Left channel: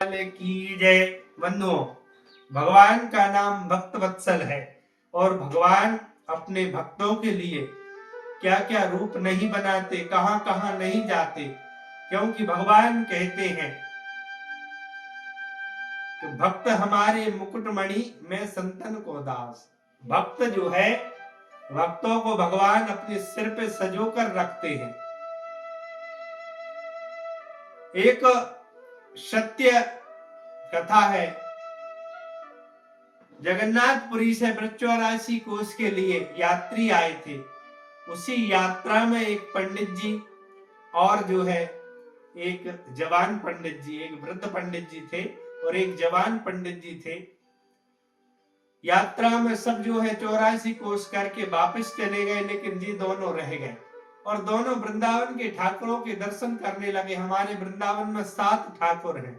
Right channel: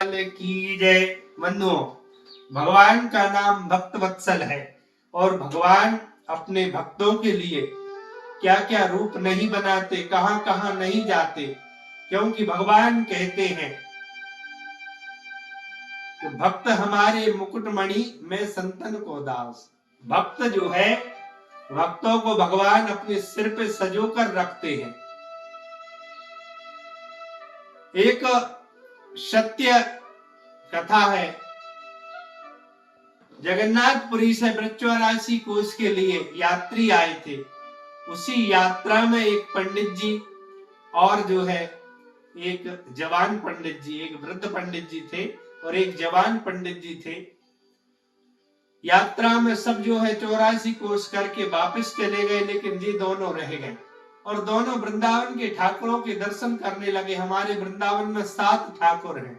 की जय। बंधुओं, भगवान का नाम भक्त वत्सल है और भगवान अपने भक्तों के लिए क्या क्या रूप नहीं बनाते, कहां कहां नहीं जाते, क्योंकि भगवान कहते हैं कि भक्त हमारे मुकुटमणि में संतन को दास। भक्त जो है, भक्तों को भगवान अपने सिर पे सजो कर रखते हैं। एक सत्य कथा है। जगन्नाथपुरी से वृक्षवाराणसी कोष के लिए यात्री आए थे। उसी यात्रा में एक पंडित जी और जो है एक जवान पंडित जी, एक वृद्ध पंडित जी थे और एक जवान पंडित जी थे। यात्रा में सब जो है 84 कोष करके वापस चले गए, लेकिन ये दोनों रह गए और दोनों वृंदावन के ठाकुरों के दर्शन करने लगे। हमारे वृंदावन में 7 ठाकुर हैं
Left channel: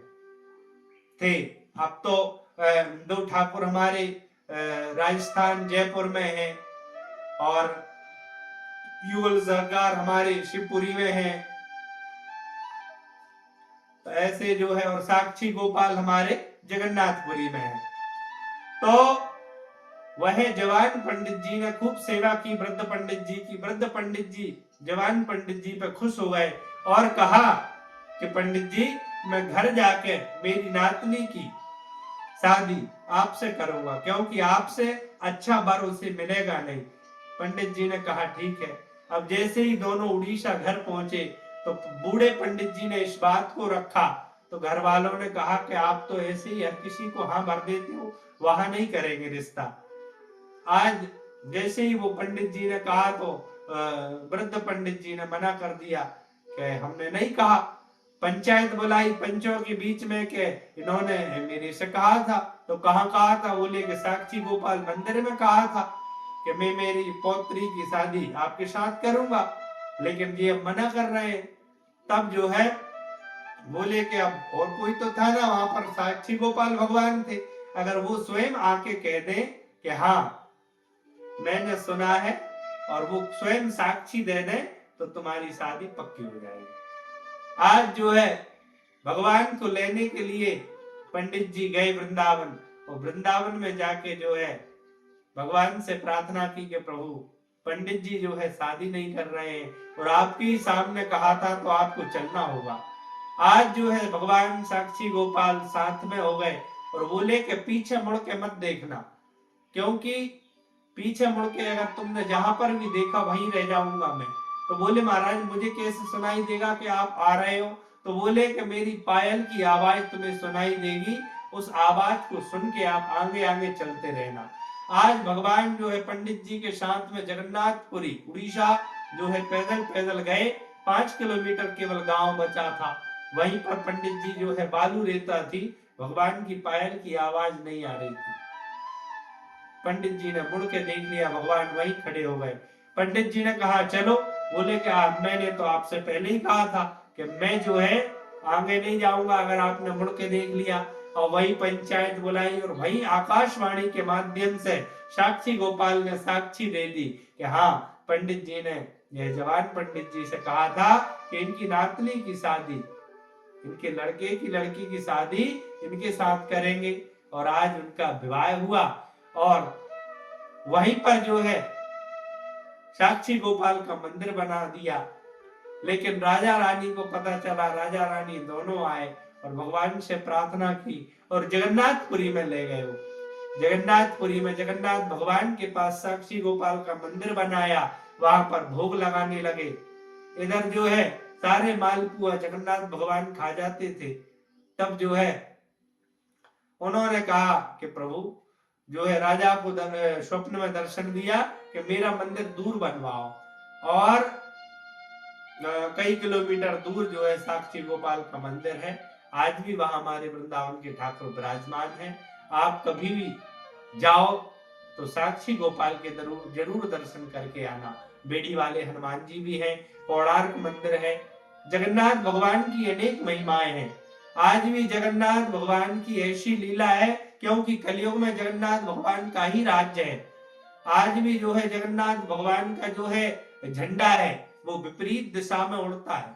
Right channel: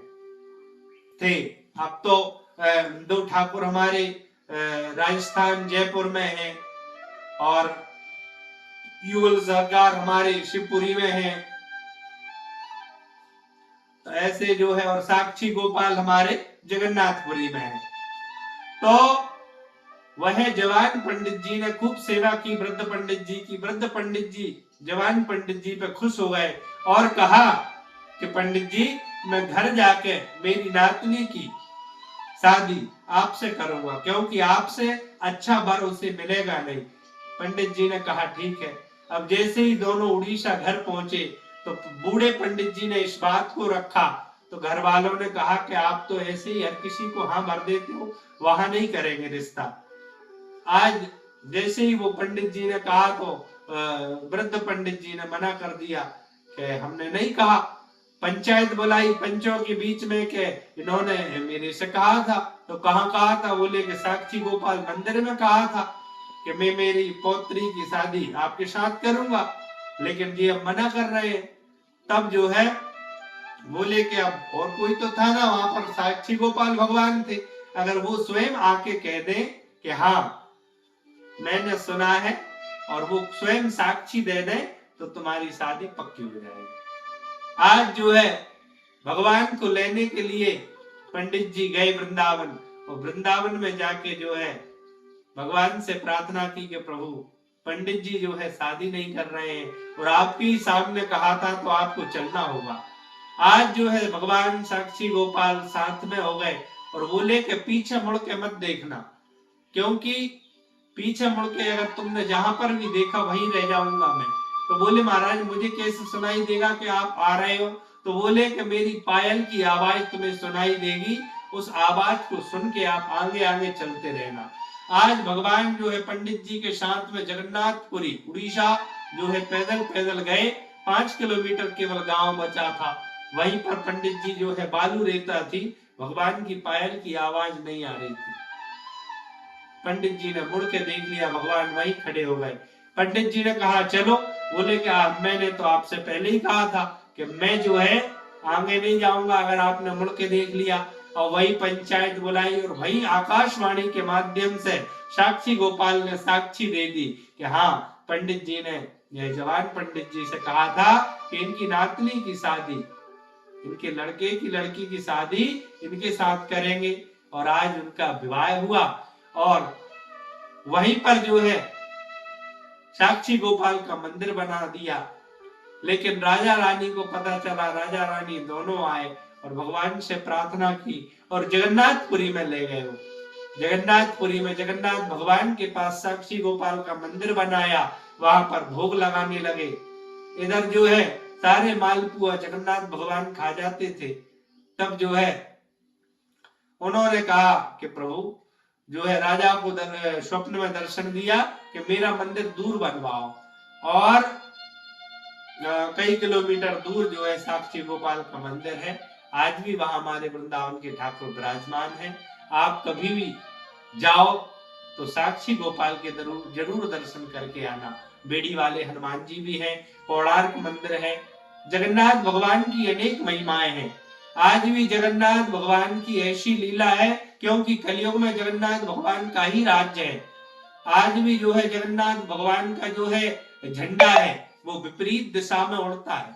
थे। अब तो 2 ठाकुर हमारे राजस्थान जयपुर में हैं और युगल सरकार हमारे शिवपुरी में है। तो ऐसे जो है, और साक्षी गोपाल हमारे जगन्नाथपुरी में है। तो वह जवान पंडित जी ने खूब सेवा की वृद्ध पंडित जी की। वृद्ध पंडित जी जवान पंडित जी पे खुश हो गए और कहा कि पंडित जी, मैं घर जाके मेरी नातनी की शादी आपसे करूंगा, क्योंकि आपसे अच्छा वर उसे मिलेगा नहीं। पंडित जी ने कहा ठीक है। अब जैसे ही दोनों उड़ीसा घर पहुंचे तो बूढ़े पंडित जी ने इस बात को रखा, तो घर वालों ने कहा कि आप तो ऐसे ही हर किसी को हाँ भर देते हो, वहां नहीं करेंगे रिश्ता। आज जैसे ही वो पंडित जी ने कहा तो वृद्ध पंडित जी ने मना कर दिया कि हमने नहीं कहा। पंचायत बुलाई पंचों के बीच में के इन्होंने मेरे से कहा था। तो कहाँ कहा था? बोले कि साक्षी गोपाल मंदिर में कहा था कि मैं मेरी पौत्री की शादी आपके साथ करूंगा, लेकिन ये अब मना कर रहे हैं। तब जो है बोले कि अब और कोई तो था ना वहां पर, साक्षी गोपाल भगवान थे। अगर वो स्वयं आके कह दे कि हाँ मैंने सुना है, और वो स्वयं साक्षी दे दे, तो तुम्हारी शादी पक्की हो जाएगी। आज जो है भगवान को लेने के लिए पंडित जी गए वृंदावन, और वृंदावन में जाके जो है भगवान से प्रार्थना की कि प्रभु, पंडित जी जो है शादी नहीं कर रहे हैं और आपके ही सामने कहा था तो आपको चलना होगा। आज जो है भगवान साक्षी गोपाल साथ में हो गए और बोले कि पीछे मुड़ के मत देखना, क्योंकि पीछे मुड़ के अगर तुमने जहां पर भी देखा वहीं रह जाऊंगा मैं। तो बोले महाराज, मुझे कैसे सुनाई देगा कि आप आ रहे हो? तो बोले कि मेरी पायल की आवाज तुम्हें सुनाई देगी, उस आवाज को सुन के आप आगे आगे चलते रहना। आज भगवान जो है पंडित जी के साथ में जगन्नाथपुरी उड़ीसा जो है पैदल पैदल गए। 5 किलोमीटर केवल गांव बचा था। वहीं पर पंडित जी जो है बालू रेता थी, भगवान की पायल की आवाज नहीं आ रही थी। पंडित जी ने मुड़ के देख लिया, भगवान वहीं खड़े हो गए। पंडित जी ने कहा चलो। बोले कि मैंने तो आपसे पहले ही कहा था कि मैं जो है आगे नहीं जाऊंगा अगर आपने मुड़ के देख लिया। और वही पंचायत बुलाई और वही आकाशवाणी के माध्यम से साक्षी गोपाल ने साक्षी दे दी कि हाँ, पंडित जी ने यह जवान पंडित जी से कहा था कि इनकी नातनी की शादी, इनके लड़के की लड़की की शादी इनके साथ करेंगे। और आज उनका विवाह हुआ और वहीं पर जो है साक्षी गोपाल का मंदिर बना दिया। लेकिन राजा रानी को पता चला, राजा रानी दोनों आए और भगवान से प्रार्थना की और जगन्नाथपुरी में ले गए। जगन्नाथपुरी में जगन्नाथ भगवान के पास साक्षी गोपाल का मंदिर बनाया, वहां पर भोग लगाने लगे। इधर जो है सारे मालपुआ जगन्नाथ भगवान खा जाते थे। तब जो है उन्होंने कहा कि प्रभु, जो है राजा को स्वप्न में दर्शन दिया कि मेरा मंदिर दूर बनवाओ, और कई किलोमीटर दूर जो है साक्षी गोपाल का मंदिर है। आज भी वहां हमारे वृंदावन के ठाकुर विराजमान हैं। आप कभी भी जाओ तो साक्षी गोपाल के जरूर दर्शन करके आना। बेड़ी वाले हनुमान जी भी हैं, कोणार्क मंदिर है। जगन्नाथ भगवान की अनेक महिमाएं हैं। आज भी जगन्नाथ भगवान की ऐसी लीला है, क्योंकि कलयुग में जगन्नाथ भगवान का ही राज्य है। आज भी जो है जगन्नाथ भगवान का जो है झंडा है वो विपरीत दिशा में उड़ता है।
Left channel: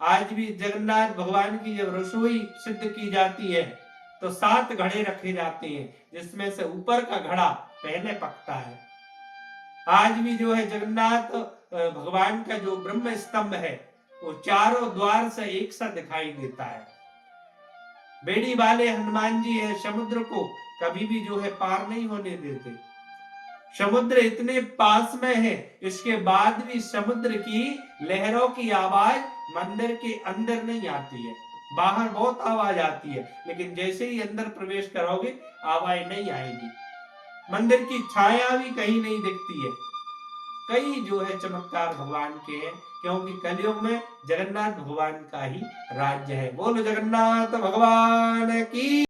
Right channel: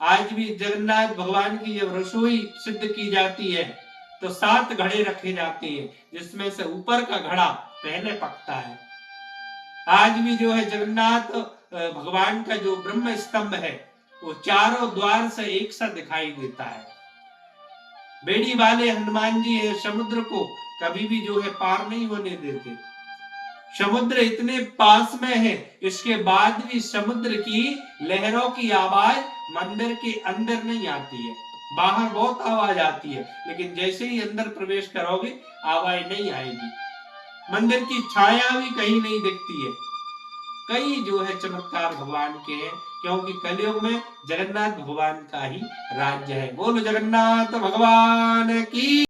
आज भी जगन्नाथ भगवान की जब रसोई सिद्ध की जाती है तो 7 घड़े रखे जाते हैं, जिसमें से ऊपर का घड़ा पहले पकता है। आज भी जो है जगन्नाथ भगवान का जो ब्रह्म स्तंभ है वो चारों द्वार से एक सा दिखाई देता है। बेड़ी वाले हनुमान जी है, समुद्र को कभी भी जो है पार नहीं होने देते। समुद्र इतने पास में है, इसके बाद भी समुद्र की लहरों की आवाज मंदिर के अंदर नहीं आती है। बाहर बहुत आवाज आती है, लेकिन जैसे ही अंदर प्रवेश करोगे आवाज नहीं आएगी। मंदिर की छाया भी कहीं नहीं दिखती है। कई जो है चमत्कार भगवान के हैं, क्योंकि कलयुग में जगन्नाथ भगवान का ही राज्य है। बोलो जगन्नाथ भगवान की।